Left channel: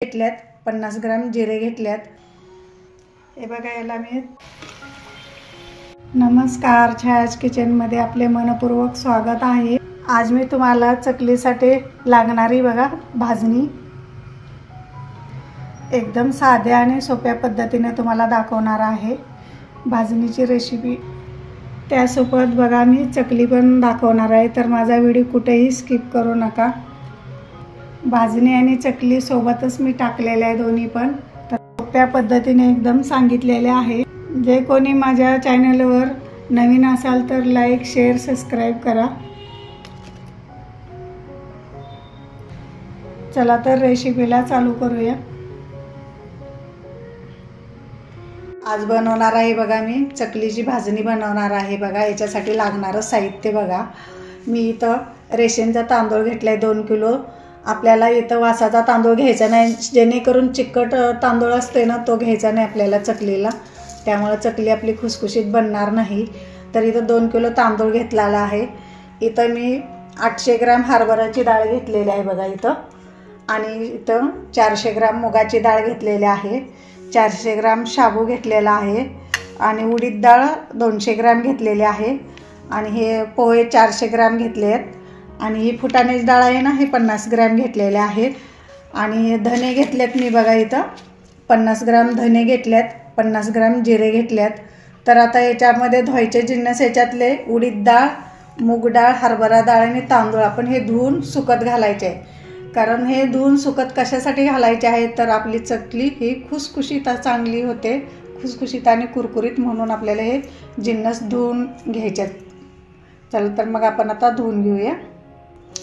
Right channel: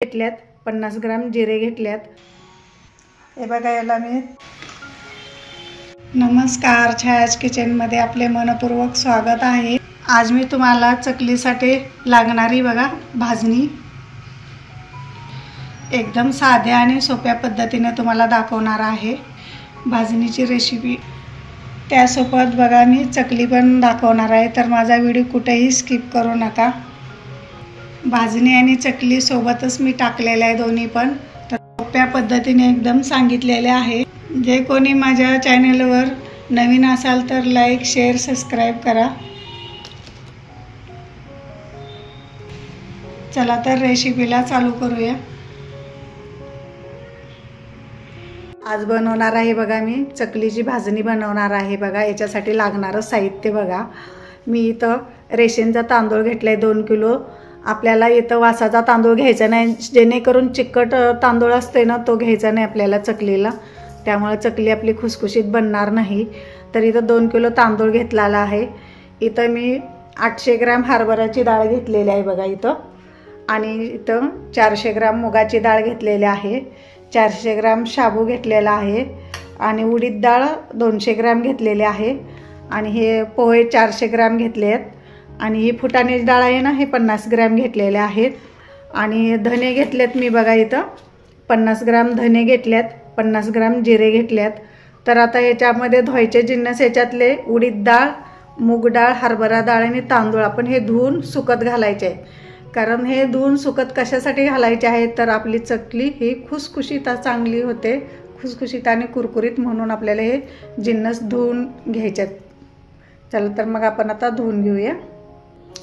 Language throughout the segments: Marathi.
घेतल्यात, 50 ग्राम जिरे घेतल्यात। हे बघा, याला मी नमस्कार, छायाज किचनमध्ये आपले मनपूर्वक स्वागत आहे। आज मी तुम्हाला चकलीसाठी लागणारी बघा भाजणी एकदम साध्या आणि सोप्या पद्धतीने तुम्हाला दाखवणार आहे भाजणीची रेसिपी। त्यासोबत बघा मी चकली पण दाखवणार आहे, तर माझा व्हिडिओ कुठेही स्किप करू नका। भाजणी आणि चकली सोबतच मी टाकलेले आहे दोन्ही पण, तर सोप्या पद्धतीने एकदम सांगितलेले आहे। जे कोणी माझ्या चॅनलवर नवीन असाल तर लाईक, शेअर, सबस्क्राईब करा। चला तर रेसिपीला चालू करूया। आज बनवणार आहे बघा मी चकलीची भाजणी बनवणार आहे। बघा याच्यासाठी लागणारं साहित्य बघा, मी इथं रेशनचा तांदूळ घेतलाय 2 किलो। आपल्याला इथं वासाचा तांदूळ घ्यायचा नाही, जेणेकरून चिकट तांदूळ असते ना तो घ्यायचा नाही आपल्याला चकलीला, त्यामुळे चकली आपली खुसखुशीत बनणार नाही। तर इथं 2 किलो तांदूळ घेतलेला आहे। इथं मी 800 ग्राम हरभऱ्याची डाळ घेतलेली आहे बघा इथं, आणि इथं 400 ग्राम मुगाची डाळ घेतलेली आहे, 400 ग्राम शाबू घेतलेला आहे, आणि उडीद डाळ 200 ग्राम घेतलेली आहे, आणि हे पोहे 400 ग्राम घेतले आहेत, आणि ही फुटाण्याची डाळ आहे ना हे 50 ग्राम घेतलेले आहेत, आणि धने घेतलेत मी बघा इथं 50 ग्राम धने घेतल्यात, 50 ग्राम जिरे घेतल्यात। तर आता याच्यामध्ये धुवायचे जिन्नस याच्यातले उडीद डाळ, मूग डाळ, हरभरा डाळ आणि तांदूळ आपण हे धुवून सुकत घालायचे आहे। कारण हे धुवून सुकत कशासाठी घालायचे आहे, तर आपली चकली ही खुसखुशीत चांगली होते, खुसखुशीत आणि कुरकुरीत, म्हणून आपल्याला हे जिन्नस धुवून घ्यायचे आहेत। चला तर मग आपण आता धुवून घेऊया।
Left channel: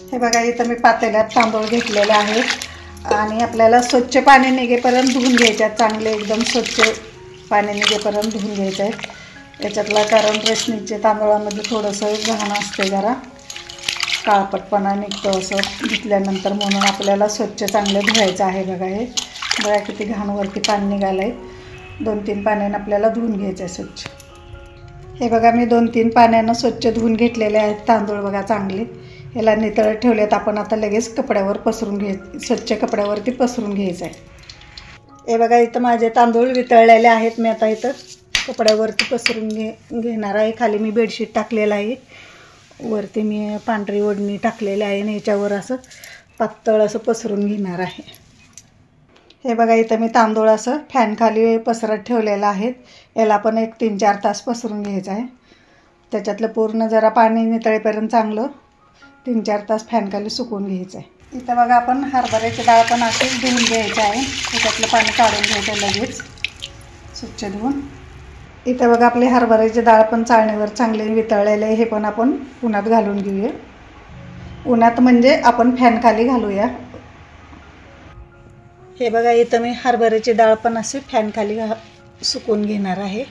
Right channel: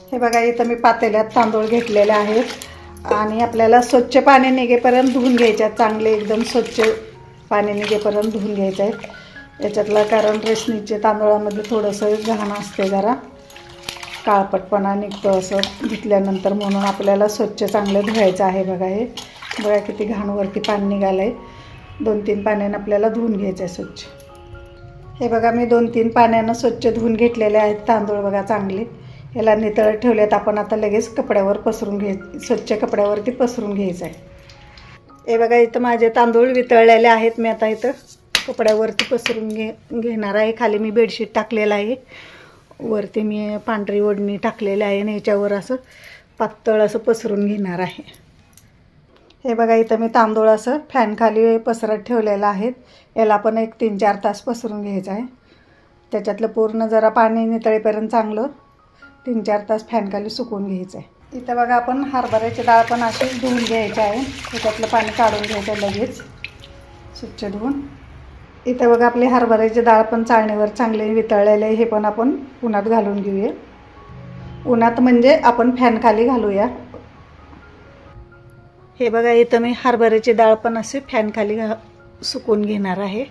हे बघा इथं मी पातेल्यात तांदूळ घेतलेले आहेत, आणि आपल्याला स्वच्छ पाणी निघेपर्यंत धुवून घ्यायचे आहेत, चांगले एकदम स्वच्छ पाणी निघेपर्यंत धुवून घ्यायचं आहे याच्यातला। कारण रेशनीच्या तांदूळामध्ये थोडंसं घाण असते, जरा काळपटपणा निघतो असं धुतल्यानंतर, म्हणून आपल्याला स्वच्छ चांगलं धुवायचं आहे। बघा हे बघा किती घाणवरती पाणी निघालं आहे, 2-3 पाण्यानं आपल्याला धुवून घ्यायचं आहे स्वच्छ। हे बघा मी 2-3 पाण्यानं स्वच्छ धुवून घेतलेले आहेत तांदूळ बघा चांगले, याला नितळत ठेवलेत। आपण आता लगेच कपड्यावर पसरून स्वच्छ कपड्यावरती पसरून घ्यायचं आहे। हे बघा इथं माझे तांदूळ वितळलेले आहेत, मी आता इथं कपड्यावरती पसरून घेणार आहे। खाली मी बेडशीट टाकलेलं आहे, वरती मी पांढरी ओढणी टाकलेली आहे, आणि याच्यावर असं पातळ असं पसरून घेणार आहे। हे बघा इथं मी तांदूळ असं फॅन खाली पसरत ठेवलेलं आहे, याला पण एक 3-4 तास पसरून घ्यायचं आहे। त्याच्यातलं पूर्ण जरा पाणी नितळेपर्यंत चांगलं 3-4 तास फॅन खाली सुकवून घ्यायचं आहे। इथं बघा आपण हरभऱ्याची डाळ पण अशी धुवून घ्यायची आहे, त्याच्यातलं पाणी काढून घ्यायचं लगेच स्वच्छ धुवून। इथं बघा आपली हरभऱ्याची डाळ पण चाळणीवर चांगले वितळलेले, हे पण आपण उन्हात घालून घेऊया। उन्हात म्हणजे आपण फॅन खाली घालूया। हे बघा इथं मी हरभऱ्याची डाळ पण अशी फॅन खाली सुकवून घेणार आहे।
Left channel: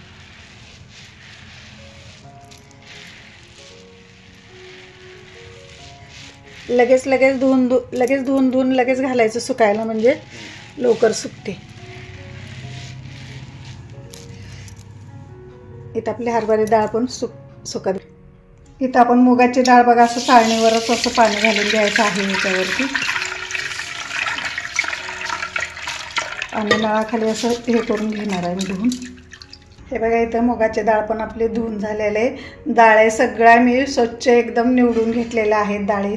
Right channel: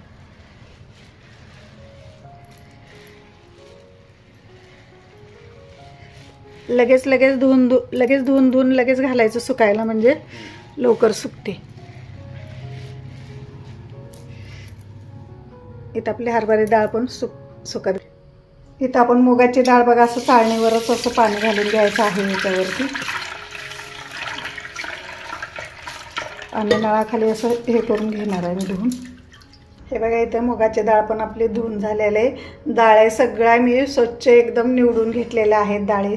लगेच धुवून लगेच घालायचं सुकायला, म्हणजे लवकर सुकते। इथं आपली हरभऱ्याची डाळ पण सुकत। इथं आपण मुगाची डाळ बघा असं चाळणीवरच असं पाणी घालून घ्यायचं आहे याच्यावरती, आणि नळाखाली असं हे करून घेणार आहे मी धुवून। हे बघा इथं मुगाची डाळ पण आपली धुवून झालेले आहे। डाळ सगळ्या मी स्वच्छ एकदम निवडून घेतलेल्या आहेत डाळी।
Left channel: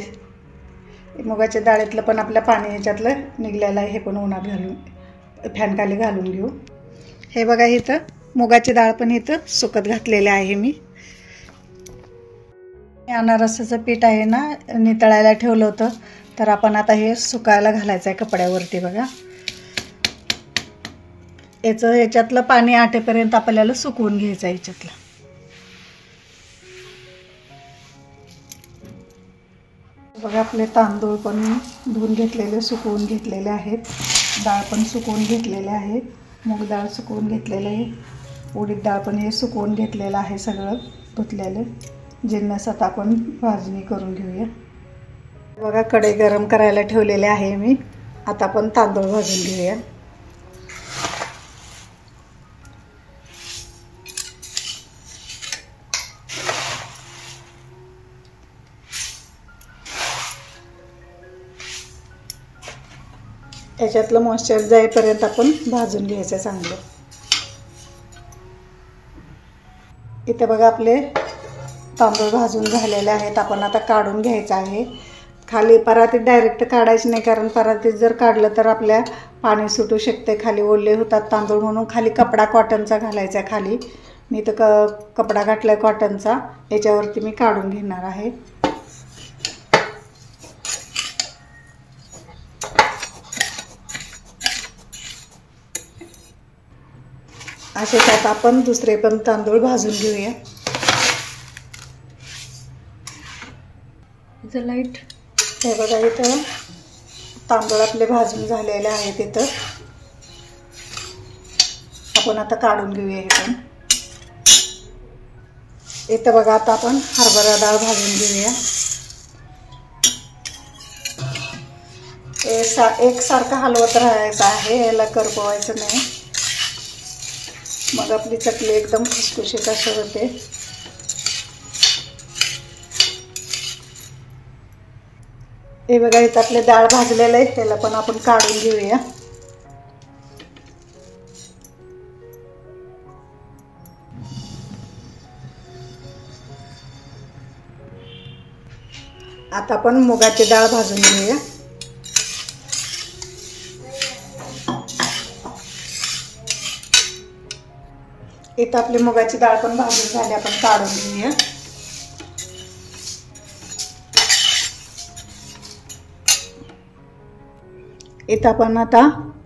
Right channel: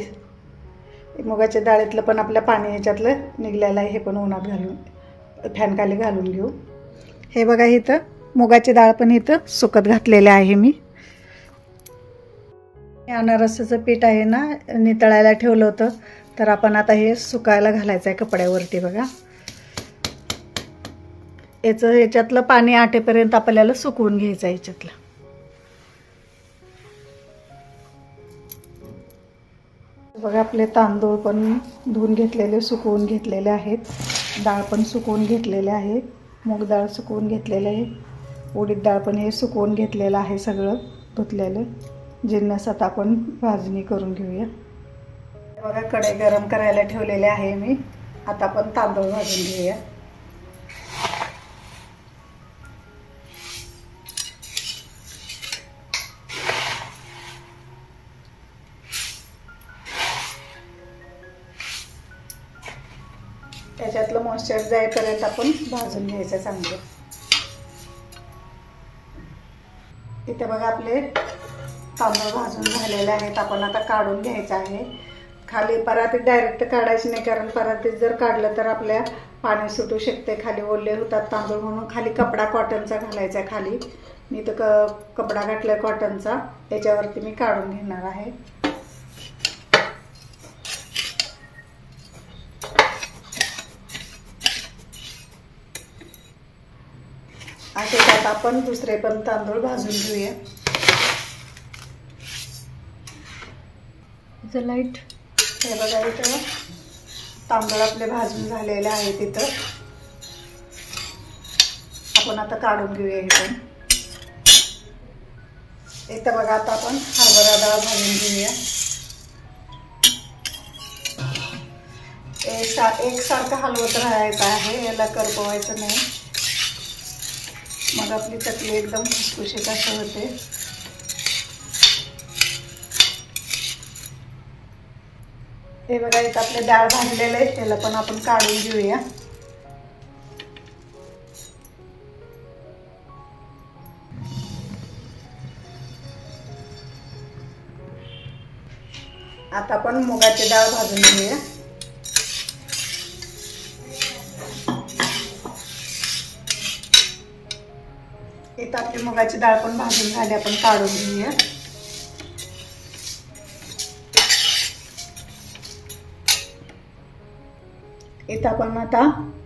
मुगाच्या डाळीतलं पण आपल्या पाणी ह्याच्यातलं निघलेलं आहे, हे पण उन्हात घालून फॅन खाली घालून घेऊ। हे बघा इथं मुगाची डाळ पण इथं सुकत घातलेले आहे मी। अनारसाचं पीठ आहे ना नितळायला ठेवलं होतं, तर आपण आता हे सुकायला घालायचं आहे कपड्यावरती। बघा याच्यातलं पाणी आटेपर्यंत आपल्याला सुकवून घ्यायचं आहे याच्यातलं। बघा आपले तांदूळ पण धुवून घेतलेले, सुकवून घेतलेले आहेत, डाळ पण सुकवून घेतलेले आहे, मूग डाळ सुकवून घेतलेले आहे, उडीद डाळ पण हे सुकवून घेतलेलं आहे सगळं धुतलेलं। जिन्नस आता आपण भाजणी करून घेऊया। बघा कढई गरम करायला ठेवलेले आहे मी, आता आपण तांदूळ भाजून घेऊया। याच्यातलं मॉइश्चर जाईपर्यंत आपण भाजून घ्यायचं चांगलं। इथे बघा आपले तांदूळ भाजून झालेले आहेत, आपण आता काढून घ्यायचं आहे। खाली परातीत डायरेक्ट काढायचं नाही, कारण परातीत जर काढलं तर आपल्या पाणी सुटू शकते, खाली ओले होतात तांदूळ, म्हणून खाली कपडा कॉटनचा घालायचा आहे खाली। मी तर कपडा घातलाय कॉटनचा, याच्यावरती मी काढून घेणार आहे। असे त्यात आपण दुसरे पण तांदूळ भाजून घेऊया। लाईट हे बघा, इथं तांदूळ आपले भाजून झालेले आहेत। इथं आपण आता काढून घेऊया हे पण। इथं बघा आता आपण हरभरा डाळ भाजून घेऊया। एकसारखं हलवत राहायचं आहे, याला करपवायचं नाही, मग आपली चकली एकदम खुसखुशीत अशी होते। हे बघा, इथं आपले डाळ भाजलेलं आहे, त्याला पण आपण काढून घेऊया। आता आपण मुगाची डाळ भाजून घेऊया। इथं आपली मुगाची डाळ पण भाजून झाली, आपण काढून घेऊया। इथं आपण आता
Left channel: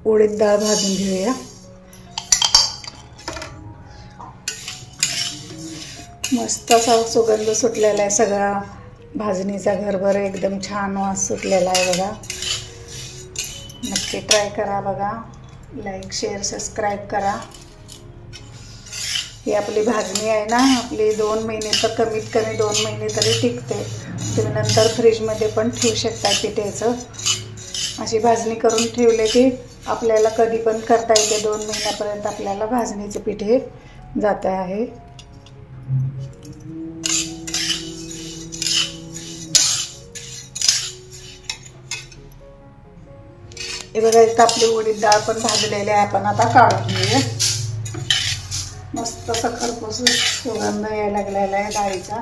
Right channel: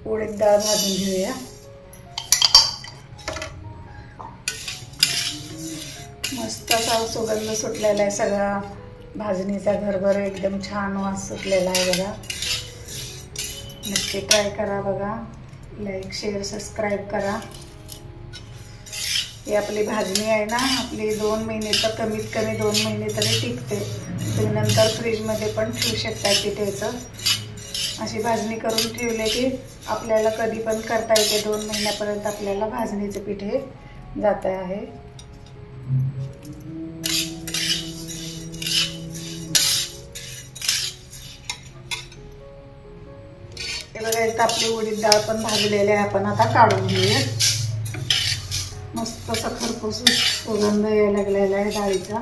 उडीद डाळ भाजून घेऊया। मस्त असा सुगंध सुटलेला आहे सगळा भाजणीचा, घरभर एकदम छान वास सुटलेला आहे बघा। नक्की ट्राय करा बघा, लाईक शेअर सबस्क्राईब करा। ही आपली भाजणी आहे ना, आपली 2 महिने तर कमीत कमी 2 महिने तरी टिकते। तुम्ही नंतर फ्रीजमध्ये पण ठेवू शकता पिठेचं। अशी भाजणी करून ठेवले की आपल्याला कधी पण करता येते, 2 महिन्यापर्यंत आपल्याला भाजणीचे पिठे जात आहे। हे बघा, इथं आपली उडीद डाळ पण भाजलेली आहे, आपण आता काढून घेऊया। मस्त असा खरपूस सुगंध यायला लागलेला आहे डाळीचा,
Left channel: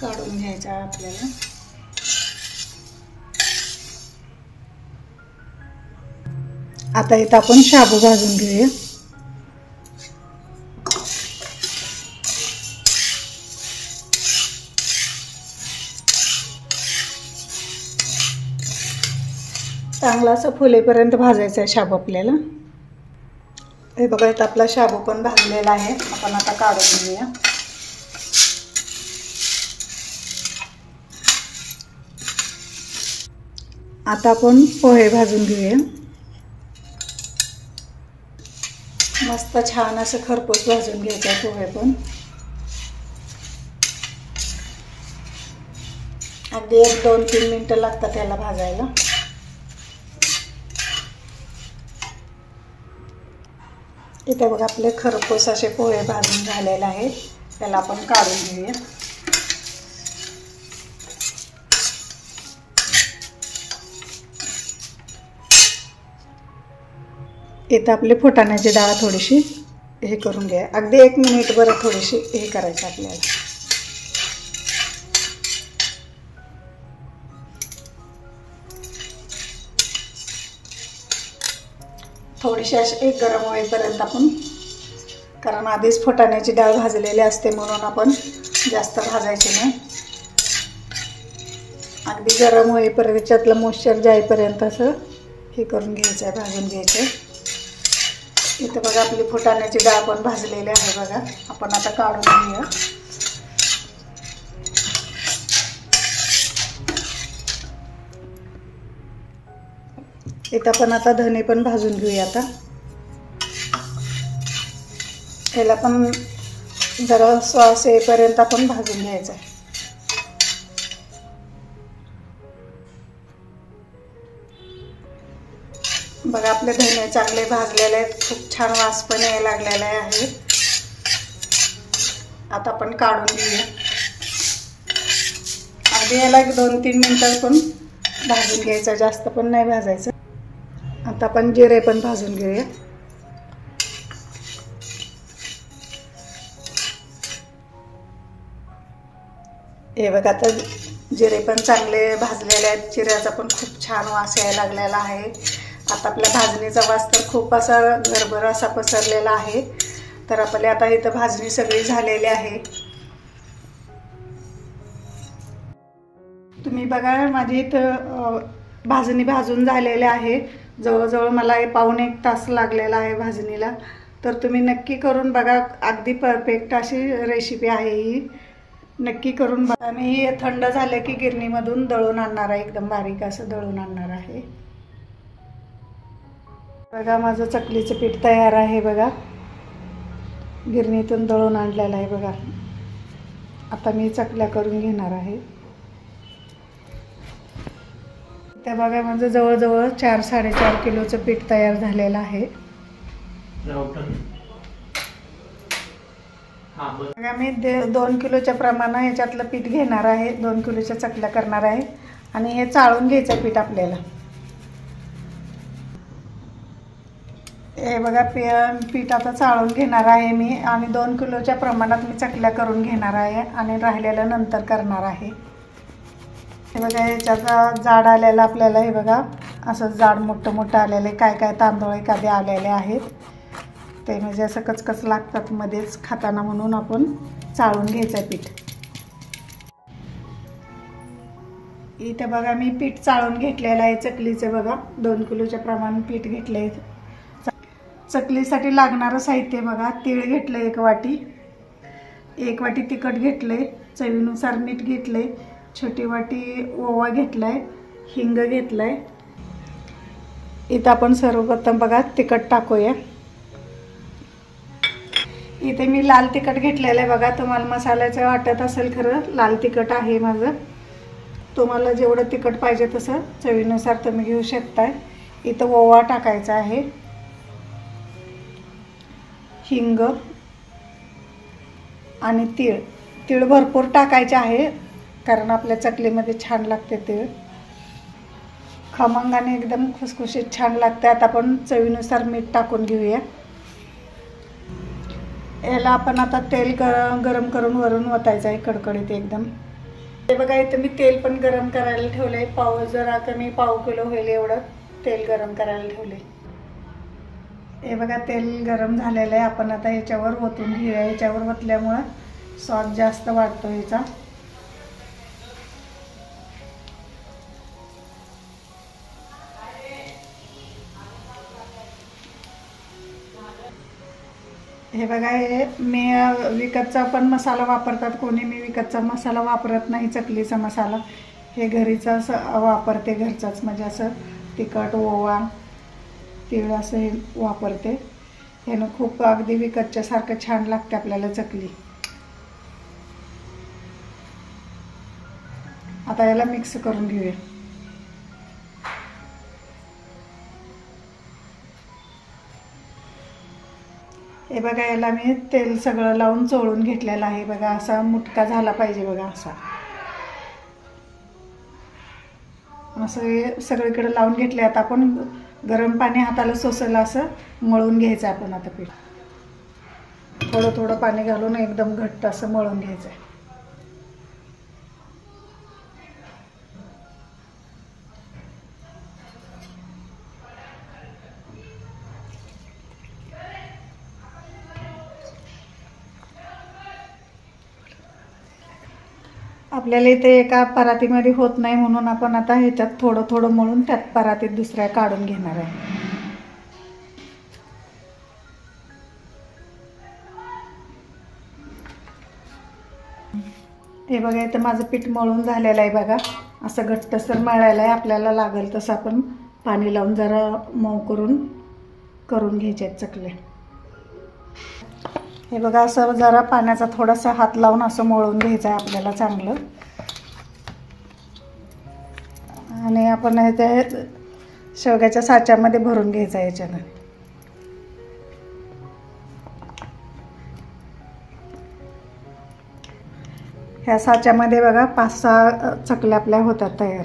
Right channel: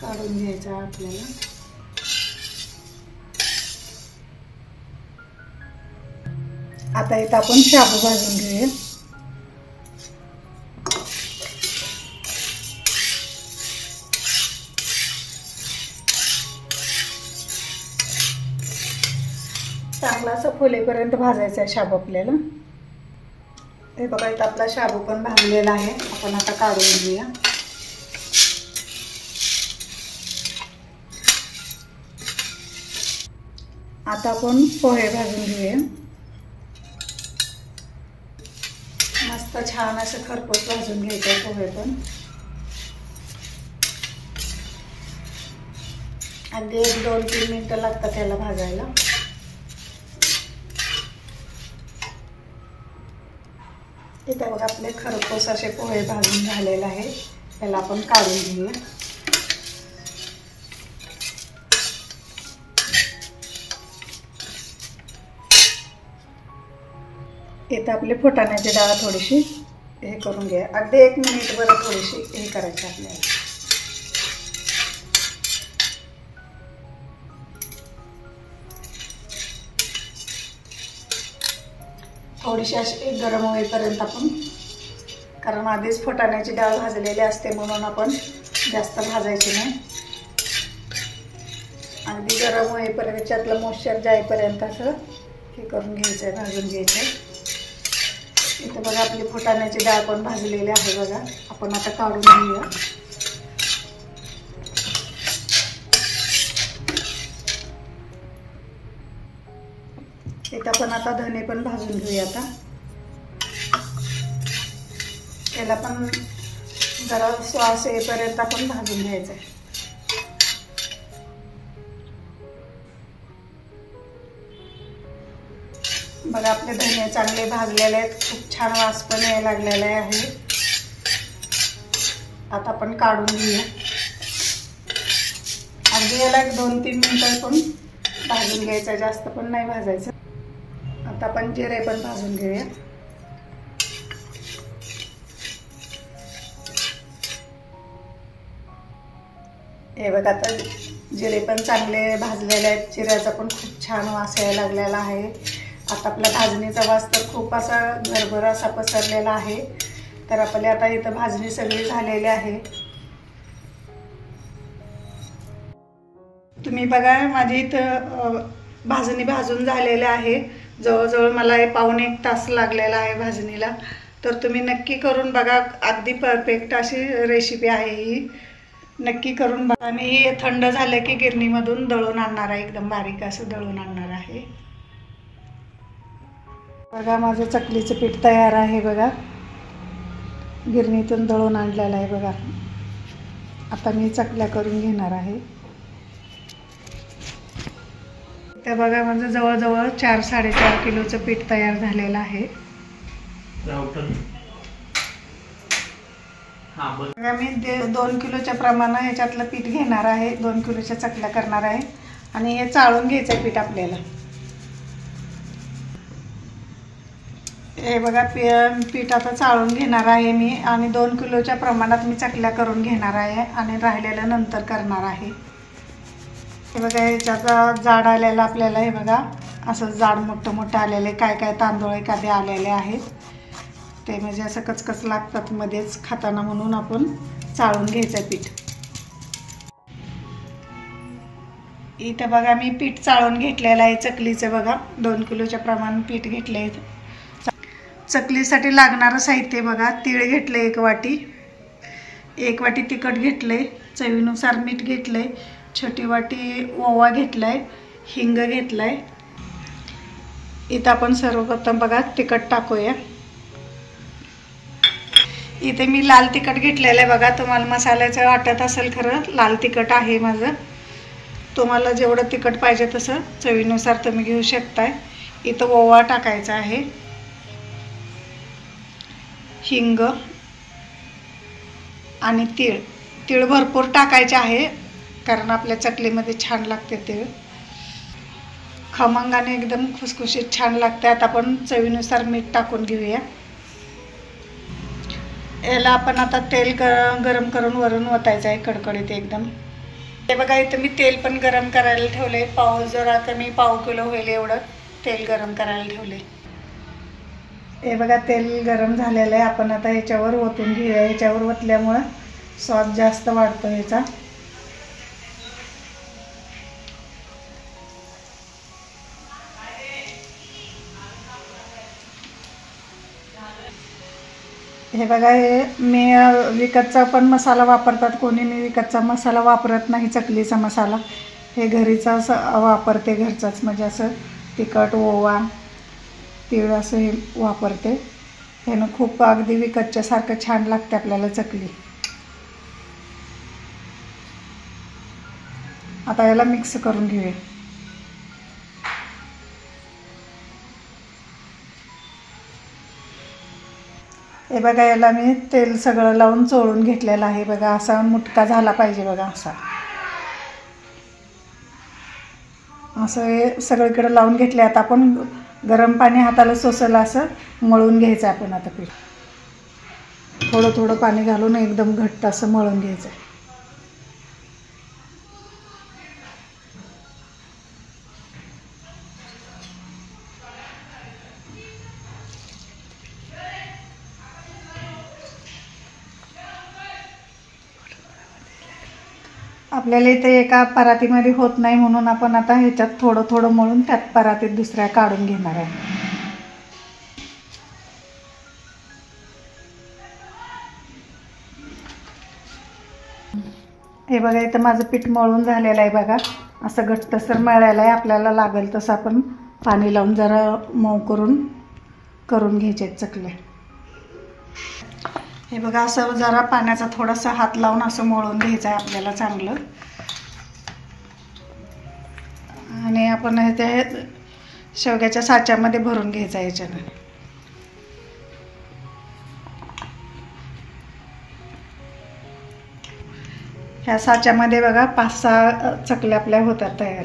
काढून घ्यायचा आपल्याला। आता इथं आपण शाबू भाजून घेऊया। चांगला असं फुलेपर्यंत भाजायचं आहे शाबू आपल्याला। हे बघा, इथं आपला शाबू पण भाजलेला आहे, आपण आता काढून घेऊया। आता आपण पोहे भाजून घेऊया। मस्त छान असं खरपूस भाजून घ्यायचं आहे पोहे पण, अगदी 1-2-3 मिनिटं लागतात त्याला भाजायला। इथे बघा, आपले खरपूस असे पोहे भाजून झालेले आहेत, त्याला आपण काढून घेऊया। इथं आपली फुटाण्याची डाळ थोडीशी हे करून घ्या, अगदी 1 मिनिटभर थोडीशी हे करायचं आपल्याला। थोडीशी अशी गरम होईपर्यंत आपण, कारण आधीच फुटाण्याची डाळ भाजलेली असते म्हणून आपण जास्त भाजायची नाही, अगदी गरम होईपर्यंत त्याच्यातलं मॉइश्चर जाईपर्यंत असं हे करून घ्यायचं आहे, भाजून घ्यायचं। इथं बघा, आपली फुटाण्याची डाळ पण भाजलेली आहे बघा, आपण आता काढून घेऊया। इथं आपण आता धने पण भाजून घेऊया। आता त्याला पण जरा श्वास येईपर्यंत आपण भाजून घ्यायचं आहे। बघा, आपले धने चांगले भाजलेले आहेत, खूप छान वास पण यायला लागलेला आहे। आता आपण काढून घेऊया, अगदी याला 1-2-3 मिनिटं आपण भाजून घ्यायचं, जास्त पण नाही भाजायचं. आता आपण जिरे पण भाजून घेऊया. हे बघा, आता जिरे पण चांगले भाजलेले आहेत. जिऱ्याचा पण खूप छान वास यायला लागलेला आहे. आता आपल्या भाजणीचा वास तर खूप असा घरभर असा पसरलेला आहे. तर आपल्या आता इथं भाजणी सगळी झालेली आहे. तुम्ही बघा, माझी इथं भाजणी भाजून झालेली आहे. जवळजवळ मला पाऊणे 1 तास लागलेला आहे भाजणीला. तर तुम्ही नक्की करून बघा, अगदी परफेक्ट अशी रेसिपी आहे ही. नक्की करून बघा. आणि हे थंड झालं की गिरणीमधून दळून आणणार आहे, एकदम बारीक असं दळून आणणार आहे. बघा, माझं चकलीचं पीठ तयार आहे. बघा, गिरणीतून दळून आणलेलं आहे. बघा, आता मी चकल्या करून घेणार आहे. तर बघा, माझं जवळजवळ 4-4.5 किलोचं पीठ तयार झालेलं आहे. बघा, मी 2 किलोच्या प्रमाणात याच्यातलं पीठ घेणार आहे. 2 किलोच्या चकल्या करणार आहे. आणि हे चाळून घ्यायचं पीठ आपल्याला. हे बघा, पीठ आता चाळून घेणार आहे मी. आणि 2 किलोच्या प्रमाणात मी चकल्या करून घेणार आहे आणि राहिलेलं नंतर करणार आहे. हे बघा, ह्याच्यात जाड आलेलं आपल्याला. हे बघा, असं जाड मोठं आलेले काय काय तांदूळ एखादे आलेले आहेत. ते म्हणजे असं कचकच लागतात मध्येच खाताना, म्हणून आपण चाळून घ्यायचं पीठ. इथं बघा, मी पीठ चाळून घेतलेलं आहे चकलीचं. बघा, 2 किलोच्या प्रमाण पीठ घेतलं आहे. चकलीसाठी लागणारं साहित्य बघा, तीळ घेतलं 1 वाटी, 1 वाटी तिखट घेतले, चवीनुसार मीठ घेतले, छोटी वाटी ओवा घेतलाय, हिंग घेतलाय. इथं आपण सर्वप्रथम बघा तिखट टाकूया. इथे मी लाल तिखट घेतलेलं आहे. बघा, तुम्हाला मसाल्याचं वाटत असेल, खरं लाल तिखट आहे माझं. तुम्हाला जेवढं तिखट पाहिजे तसं चवीनुसार तुम्ही घेऊ शकताय. इथं ओवा टाकायचा आहे, हिंग आणि तीळ भरपूर टाकायचे आहे, कारण आपल्या चकलीमध्ये छान लागते तीळ. खमंगाने एकदम खुसखुशीत छान लागते. आता आपण चवीनुसार मीठ टाकून घेऊया. याला आपण आता तेल गरम करून वरून ओतायचं आहे कडकडीत एकदम. हे बघा, इथं मी तेल पण गरम करायला ठेवले. जरा कमी पाव किलो होईल एवढं तेल गरम करायला ठेवले. हे बघा, तेल गरम झालेलं आहे. आपण आता ह्याच्यावर ओतून घेऊया. ह्याच्यावर ओतल्यामुळं स्वाद जास्त वाढतो ह्याचा. हे बघा, हे मी विकतचा पण मसाला वापरतात कोणी. मी विकतचा मसाला वापरत नाही. चकलीचा मसाला हे घरीचा वापरते, घरचाच. म्हणजे असं तिखट, ओवा, तीळ असं हे वापरते. ह्यानं खूप अगदी विकतच्यासारखं छान लागते आपल्याला चकली. आता याला मिक्स करून घेऊया. हे बघा, याला मी तेल सगळं लावून चोळून घेतलेलं आहे. बघा, असा मुटका झाला पाहिजे. बघा, असं हे सगळीकडे लावून घेतले. आता आपण गरम पाणी हाताला सोसलं असं मळून घ्यायचं. आपण आता पीठ थोडं थोडं पाणी घालून एकदम घट्ट असं मळून घ्यायचं आहे. आपल्याला इथे एका परातीमध्ये होत नाही, म्हणून आपण आता ह्याच्यात थोडं थोडं मळून त्यात परातीत दुसऱ्या काढून घेणार आहे. हे बघा, इथं माझं पीठ मळून झालेलं आहे. बघा, असं घट्टसर मळलेलं आहे. आपल्याला लागेल तसं आपण पाणी लावून जरा मऊ करून घ्यायचे चकले. हे बघा, असं जरा पाण्याचा थोडासा हात लावून असं मळून घ्यायचं आहे आपल्याला चांगलं. आणि आपण हे शेवग्याच्या साच्यामध्ये भरून घ्यायचं आहे. याच्यानं ह्या साच्यामध्ये बघा 5-6 चकल्या आपल्या होतात तयार.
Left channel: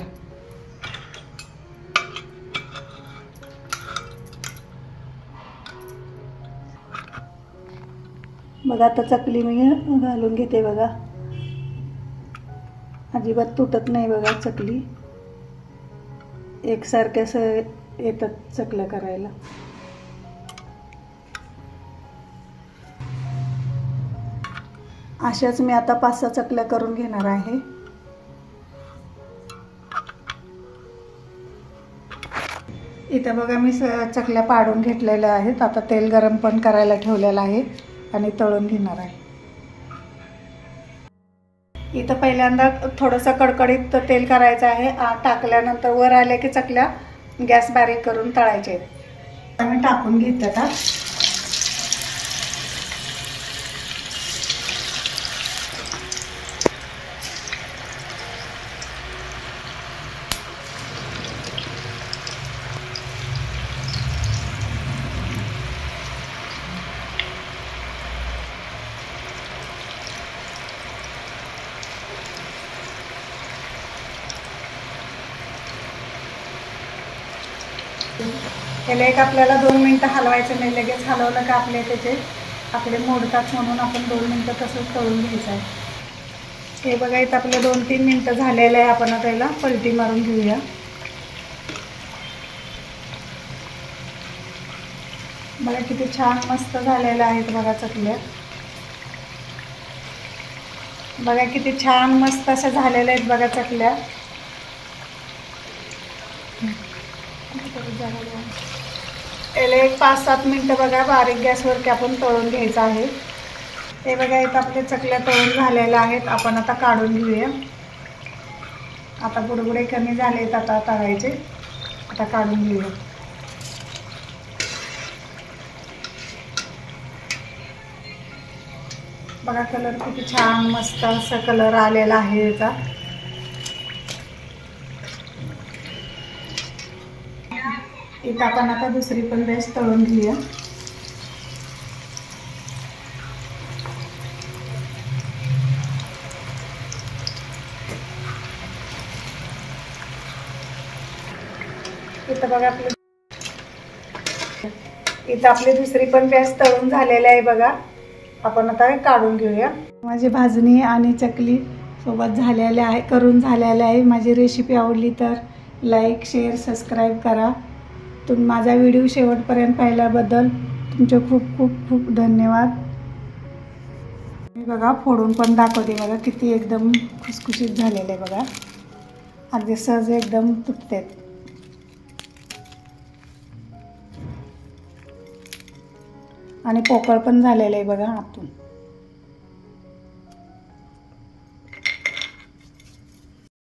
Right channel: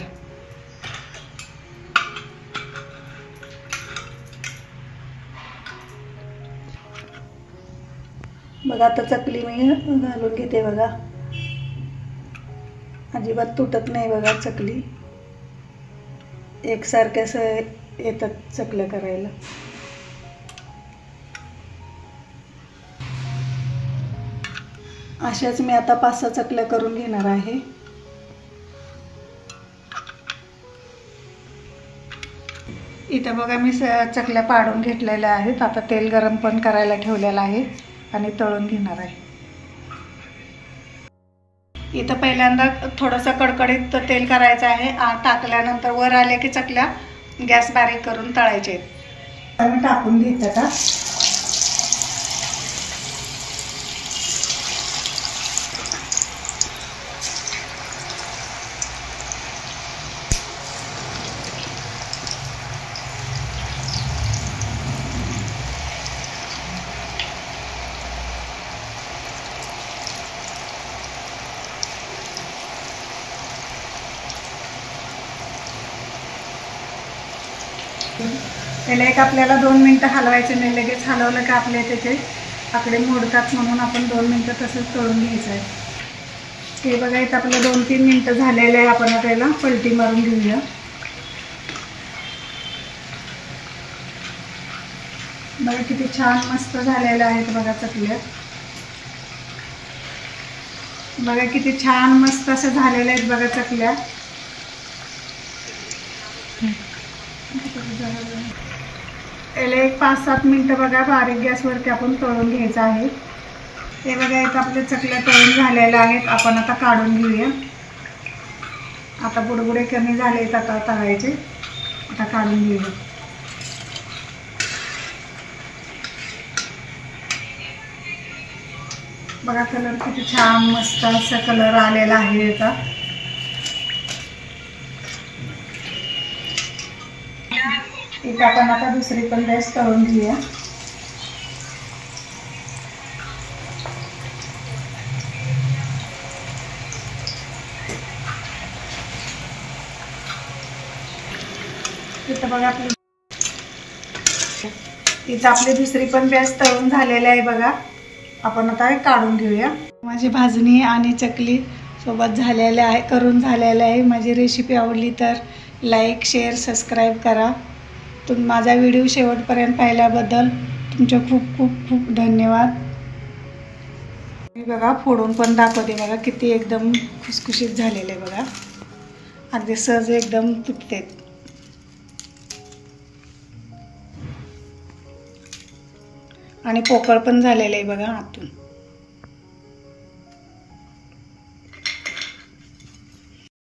बघा आता चकली मी घालून घेते बघा. अजिबात तुटत नाही बघा चकली. एकसारखे असं येतात चकल्या करायला. अशाच मी आता 5-6 चकल्या करून घेणार आहे. इथे बघा मी चकल्या पाडून घेतलेल्या आहेत. आता तेल गरम पण करायला ठेवलेलं आहे आणि तळून घेणार आहे. इथं पहिल्यांदा थोडंसं कडकडीत तेल करायचं आहे. टाकल्यानंतर वर आले की चकल्या गॅस बारीक करून तळायचे आहेत. आम्ही टाकून घेतलं का. त्याला एक आपल्याला 2 मिनटं हलवायचं नाही. लगेच हलवलं का आपले त्याचे आकडे मोडतात, म्हणून आपण 2 मिनटं तसंच तळून घ्यायचं आहे. हे बघा इथं आपलं 2-3 मिनटं झालेलं आहे. आपण त्याला पलटी मारून घेऊया. बघा किती छान मस्त झालेलं आहेत बघा चकल्या. बघा किती छान मस्त असं झालेलं आहेत बघा चकल्या. याला एक 5-7 मिनटं बघा बारीक गॅसवरती आपण तळून घ्यायचं आहे. ते बघा इथं आपल्या चकल्या तळून झालेल्या आहेत. आपण आता काढून घेऊया. आता बुडबुडे कमी झालेत आता तळायचे. आता काढून घेऊया. बघा कलर किती छान मस्त असा कलर आलेला आहे याचा. इथं आपण आता दुसरी पण बेस्ट तळून घेऊया. इथं बघा इथं आपली दुसरी पण बेस्ट तळून झालेली आहे बघा. आपण आता काढून घेऊया. माझी भाजणी आणि चकली सोबत झालेले आहे, करून झालेले आहे. माझी रेसिपी आवडली तर लाईक, शेअर, सबस्क्राईब करा. माझा व्हिडिओ शेवटपर्यंत पाहिल्याबद्दल तुमचे खूप खूप खूप धन्यवाद. मी बघा फोडून पण दाखवते. बघा किती एकदम खुसखुशीत झालेले आहे बघा. अगदी सहज एकदम तुटते आणि पोकळ पण झालेलं आहे बघा आतून.